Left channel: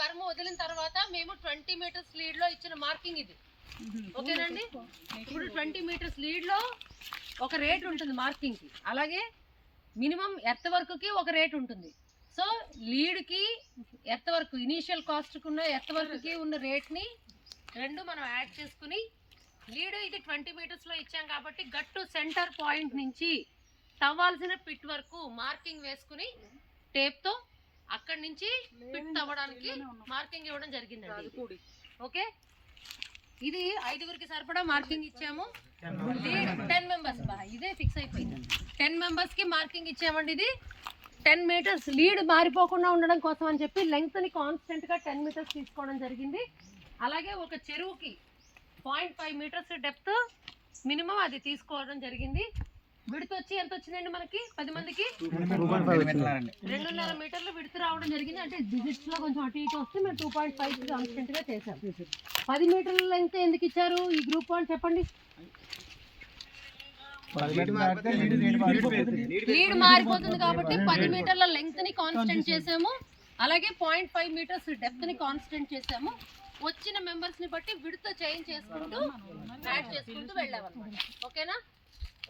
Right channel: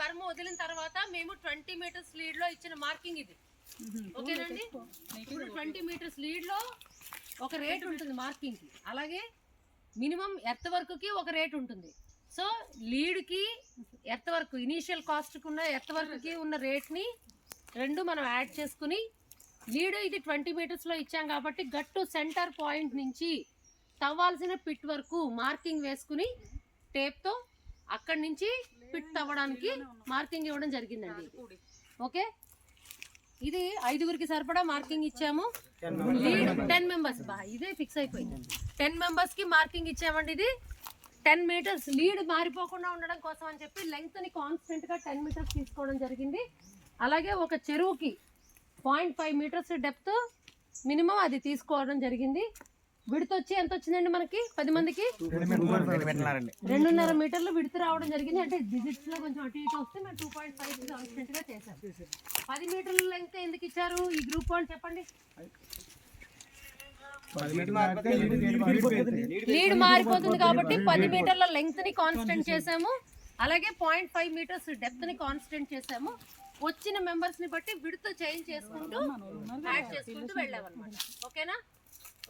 Berm వదిలిన తర్వాత మేము 20 మీటర్స్ లీడ్ లో ఇచ్చిన మార్కింగ్ ఇది. ఓకేనండి. ఇప్పుడు 20 మీటర్స్ లీడ్ లో ఒక రేట్ ఉంటుంది మార్కింగ్ కి, అలాగే మినిమం ఎర్త్ వర్క్ కి ఒక రేట్ ఉంటుంది. సో లీడ్ కి ఎర్త్ వర్క్ ఇనీషియల్ కాస్ట్ కి ఉన్న ఎర్త్ వర్క్ కి ఉన్న రేట్ ని రెండు మనం యాడ్ చేసుకుని, లీడ్ ఇది 20 మీటర్స్ లో ఇచ్చాం కాబట్టి గట్టు సెంటర్ పాయింట్ నుంచి తవ్వాల్సిన పిట్ వరకు మార్కింగ్ వేసుకుని టేప్ తో అక్కడి నుంచి పిట్ తవ్వడానికి మార్కింగ్ ఇవ్వడం జరిగిందండి. ఓకే, ఇది 5గురికి సరిపడా మార్కింగ్ ఇచ్చాము. 10 మెంబర్స్ ఇదే ఫిక్స్ అయిపోయింది. 10 మెంబర్స్ కి మార్కింగ్ ఇచ్చామండి. ఇది 10 మీటర్స్ లీడ్ మారిపోకుండా ఉండడం కోసం అని చెప్పి లెంగ్త్ ని కాన్స్టెంట్ గా 10 మీటర్స్ తీసుకోవడం జరిగింది. అలాగే ఒక చెరువుకి 0.5 మీటర్స్ డెప్త్ మినిమం అది తీసుకోవడం జరిగింది. విడత వచ్చి ఎంత వచ్చిందండి మనకి 10 మందికి 2.5 మీటర్లు విడత రావడం జరిగింది. అంటే డిజిట్స్ లో కొంచెం అటు ఇటు వస్తే మేము 2.5 కాన్స్టెంట్ గా చేశాం. 10 మీటర్ల లెంగ్త్ ఎందుకు ఇచ్చారు ఈ గ్రూప్ వాళ్ళు చెప్పండి? లీడ్ మారిపోతుంది కాబట్టి 10 మీటర్ల లెంగ్త్ ని కాన్స్టెంట్ చేసాము. అలాగే 0.5 మీటర్స్ డెప్త్ ని కాన్స్టెంట్ చేసాము. వచ్చిన మెంబర్స్ ని బట్టి విడత చేంజ్ చేసుకుంటూ యాడ్ చేసుకుంటూ వెళ్ళామన్నమాట. ఓకేనా?